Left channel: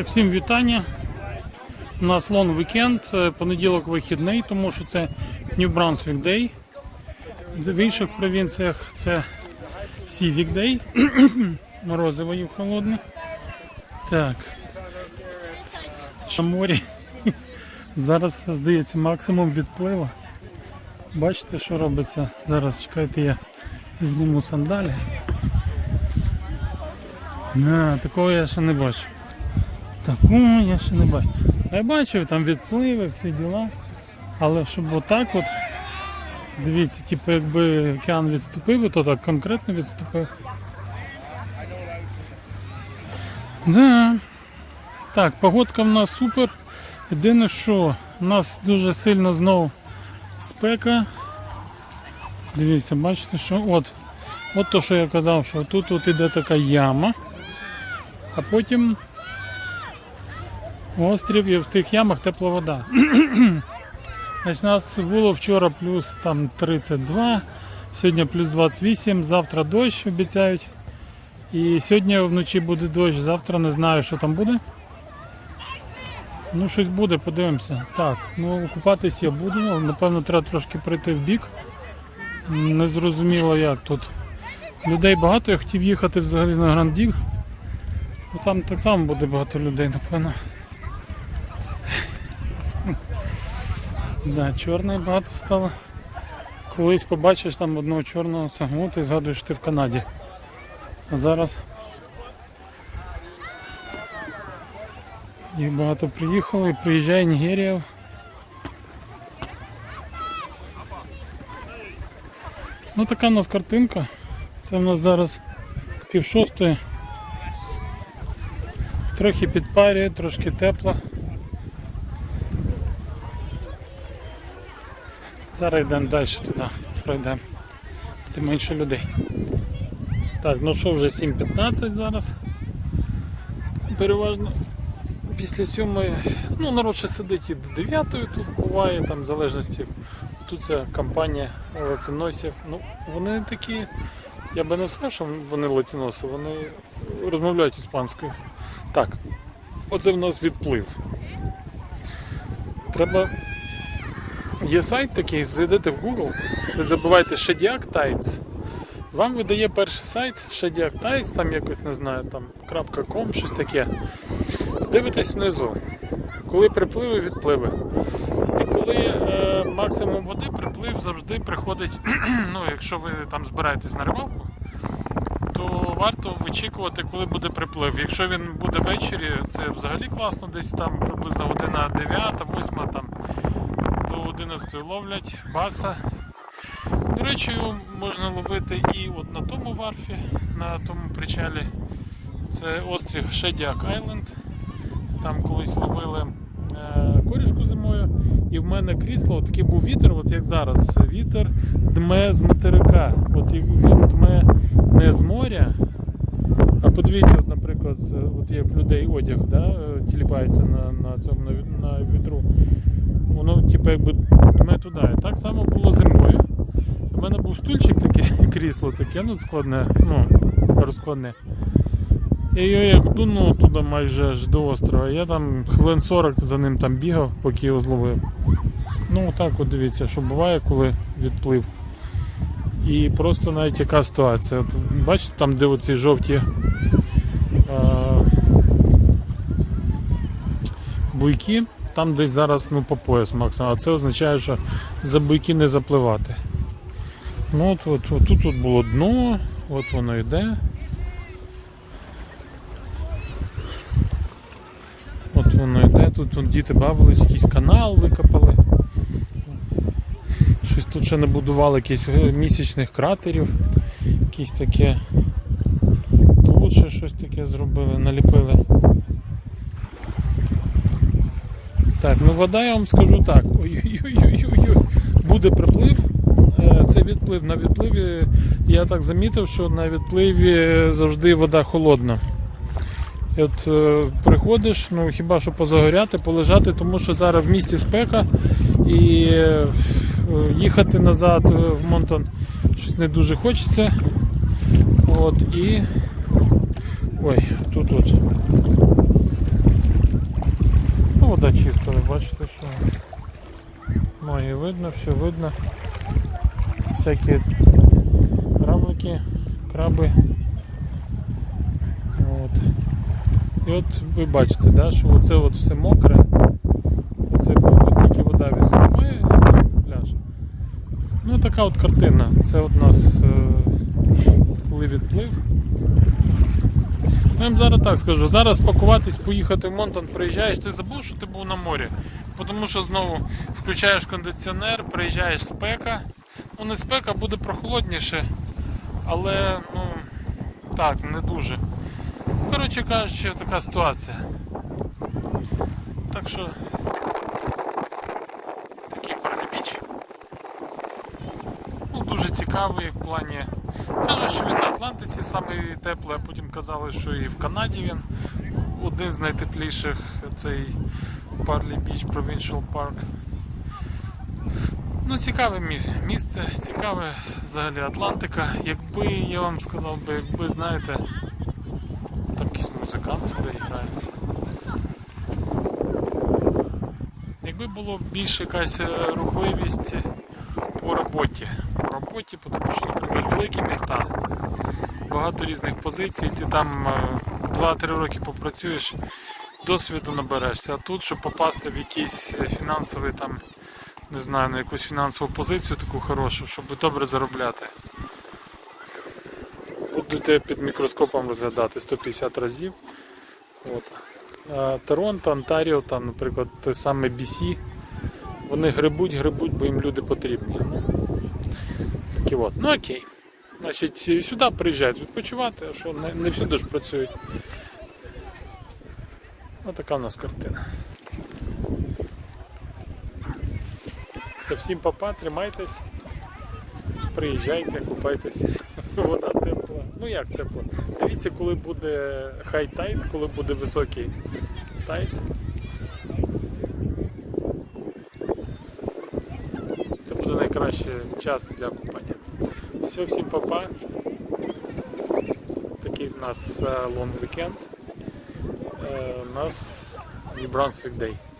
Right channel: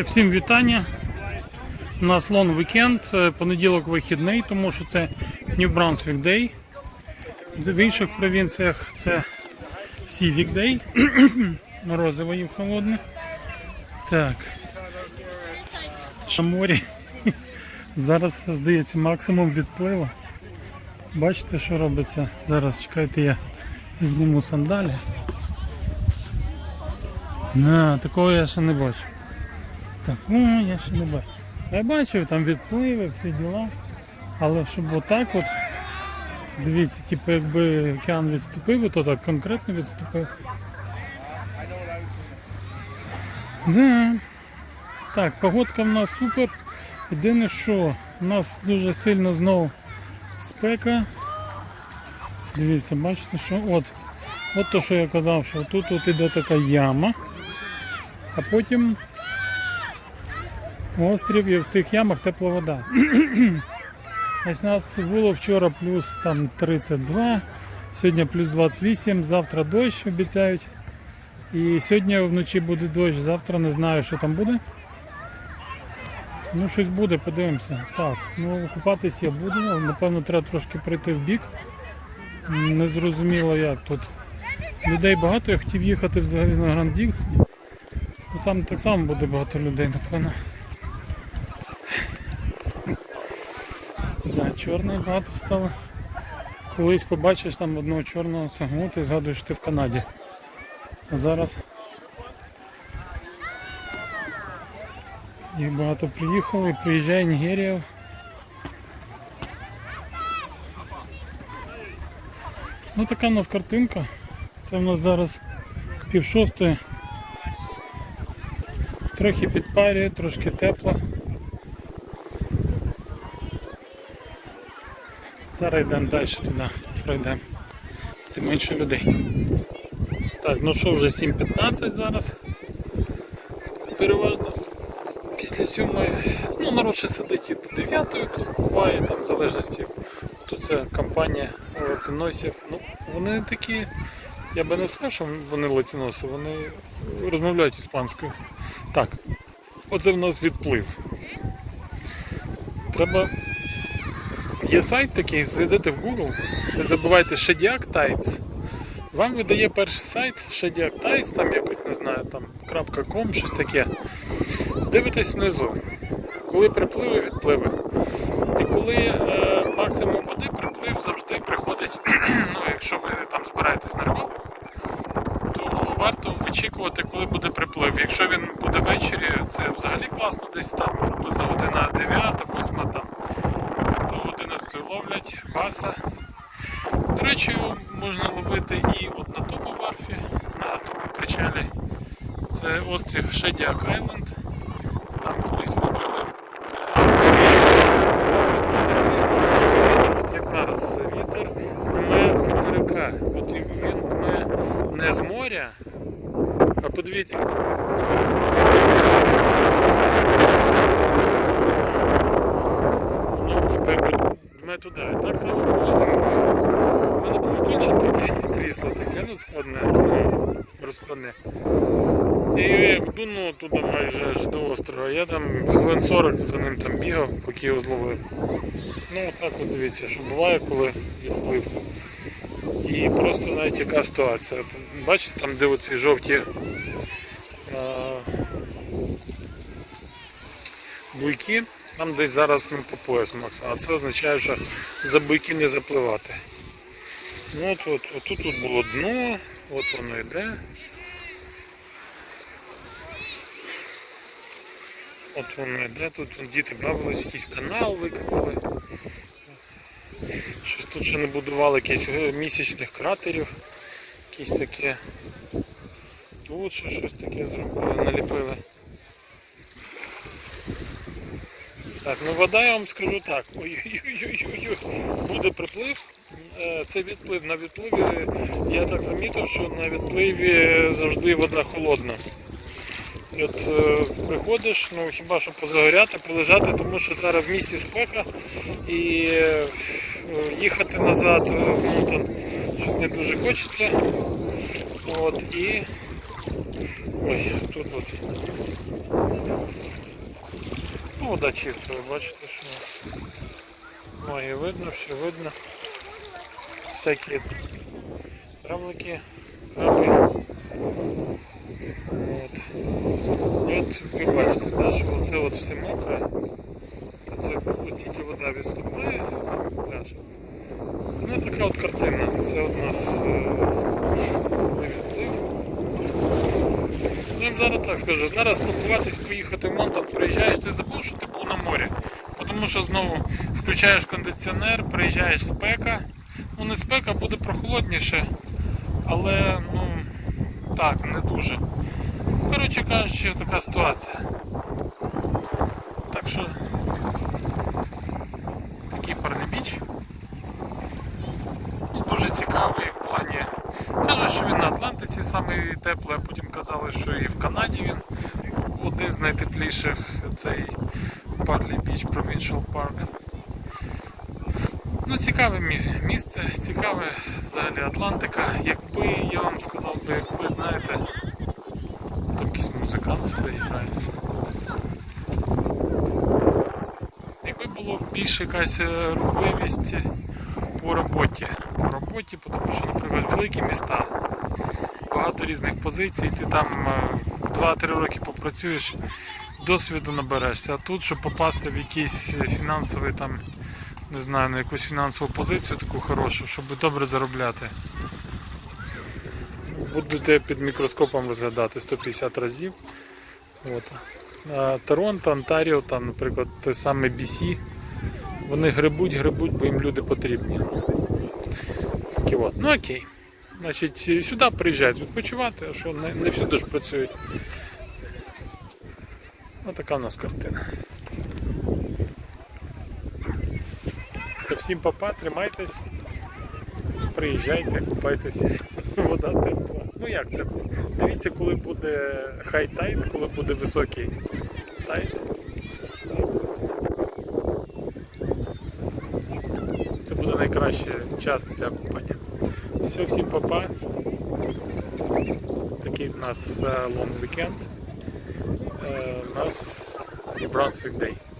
Всім вітання. У нас лон вікенд, понеділок вихідний, тому що це New Brunswick Day. В інших провінціях це Civic Day. Морозиво їв холодне. Так. Що морі. Зараз, здається, максимум відпливу. Бачите, що робиться? Зараз чекайте, я зніму сандалі. На, такого я ще не бачу. Такого я ще не бачу. Я бачив там відпливи, всі діла. Але щоб отак от, дивіться, типу якби океан відступив, то так конкретно відступив. Да. Так, погодка в нас супер. Єдине, що у нас дуже сильно знову спека. Дивіться, бачите, що от, от то, що я казав, що тут от іде така яма, а потім острів і в тих ямах тепла вода. Значить, у нас було вчора плюс там 32, сьогодні плюс 28, завтра дощ обіцяють. І сьогодні вночі буде дощ, завтра не знаю, що там буде. Ну, щось буде, подивимося. Так, ну купатись я буду, напевно, треба трошки прийти в бік. Не зрозуміло як тут. Людей багато, я хотів їхати взагалі на Грандіг. Ну, там так само буде багато людей, напевно. Да, чорне багато стало. Колись побачиш там одного чорного сагну, ти згадуєш, ти в Канаді. А зараз їх багато приїхало і приїжджає Нігерія. Ну така у нас картинка. Це в нас зараз пів шостої. Трохи підпарює, трошки тепло. Зараз йдемо далі туди, пройдемо. Тим менше людей. Так, ну що вже 7.15 зараз. Переважно після сьомої, ну народ ще сидить і до 9 тут буває, там в залежності. Тут ця компанія латиносів. Ну, вони такі, я би не сказав, що вони латиноси, вони розмовляють іспанською. Так, оце в нас відплив. Треба. Є сайт такий, зайдете в Google, ви забивайте Shediac Tides. Вам видає перший сайт Shediac Tides, там якось не знаю, там .com, щось таке. Дивитесь внизу, коли припливи, відпливи. І коли е, максимум води, приплив завжди приходить, ну якщо ви там збираєтесь на рибалку, то варто вичікувати, коли буде приплив. Якщо він буде ввечері, це взагалі класно, десь там приблизно година 9, 8 там 11 ловлять баса. До речі, можна ловити і от на тому варфі, на тому причалі. Це острів Shediac Island. Там колись ловили е, від мене крісло, вітер, от як зараз, вітер дме з материка. От він дме не з моря, а подивіться, наприклад, воно типу якби туди. І так само було зимою. У мене був стульчик таке, крісло таке, ну складне, ну, розкладне. І я як дунув туди майже аж до острова, я там хвилин 40 за ним там бігав, поки його зловив. Ну отак от дивіться, що буває, коли відплив. І просто навіть яка ситуація. От, бачите там, де оці жовті а, буйки, там десь зараз ну, по пояс максимум, а це означає, що за буйки не запливати. Ну от, от, от тут, тут було дно, от воно йде. От воно йде, тут вон, діти бавились, якийсь канал викопали. Щось тут ще не будували якихось е, місячних кратерів, якісь таке. Тут ще щось таке зробили, наліпили. Так, ну вода я вам скажу так. Ой-ой-ой-ой-ой. Буде приплив. Е, Це відплив. На відпливі я так замітив, що на відпливі завжди вода холодна. От е, приходиш, ну хіба що позагоряти, полежати, тому що зараз в місті спека і е, їхати назад в Монтон щось не дуже хочеться. От і. Ой, тут от. Вода чиста, ви бачите, що ноги видно, все видно. Всякі равлики, краби. От. І от ви бачите, да, що оце от все мокре. Це ось тільки вода від а пляж. Ну така от картина. Це от нас е, коли відплив. Ну, я зараз так скажу, зараз пакуватись, поїхати в Монтан, приїжджаєш, ти забув, що ти був на морі. Тому що знову включаєш кондиціонер, приїжджаєш спека. Ну не спека, буде прохолодніше, але ну так, не дуже. Коротше кажучи, така ситуація. Так що такий паралібіч. Ну, дуже цікавий в плані. Кажуть, що він на Атлантиці самий теплий, а потім казали, що і в Канаді він один з найтепліших цей Парлі Біч Provincial Park. Ну, цікаве місце, цікаве взагалі Атлантика. Якби я вам сказав би, якби знаєте, там якийсь музикант сюди грає. Якби було більше якась е, рухливість по роботі. По роботі, тому що, наприклад, великі міста, багато різних позицій, ти там е, 2-3 роки попрацюєш, досвіду наберешся. А тут, щоб попасти в якийсь е, фінансовий там, не знаю, на якусь фінансову позицію таку хорошу, щоб добре заробляти. Будете під мікроскопом розглядати 150 разів. От. Торонто, Онтаріо, там, наприклад, той самий BC, вони грибуть, грибуть, бо їм люди потрібні. Такі от. Ну окей. Значить, сюди приїжджають відпочивати, а що не, не всюди ж працюють. Ось така у нас картина. Все, всім папа, тримайтесь, приїжджайте, купайтесь. Вода тепла. Ну як тепла? Дивіться, коли буде хай тайт, коли буде високий тайт. Це буде найкращий час для купання. Все, всім папа. Такий у нас лонг вікенд. У нас New Brunswick Day.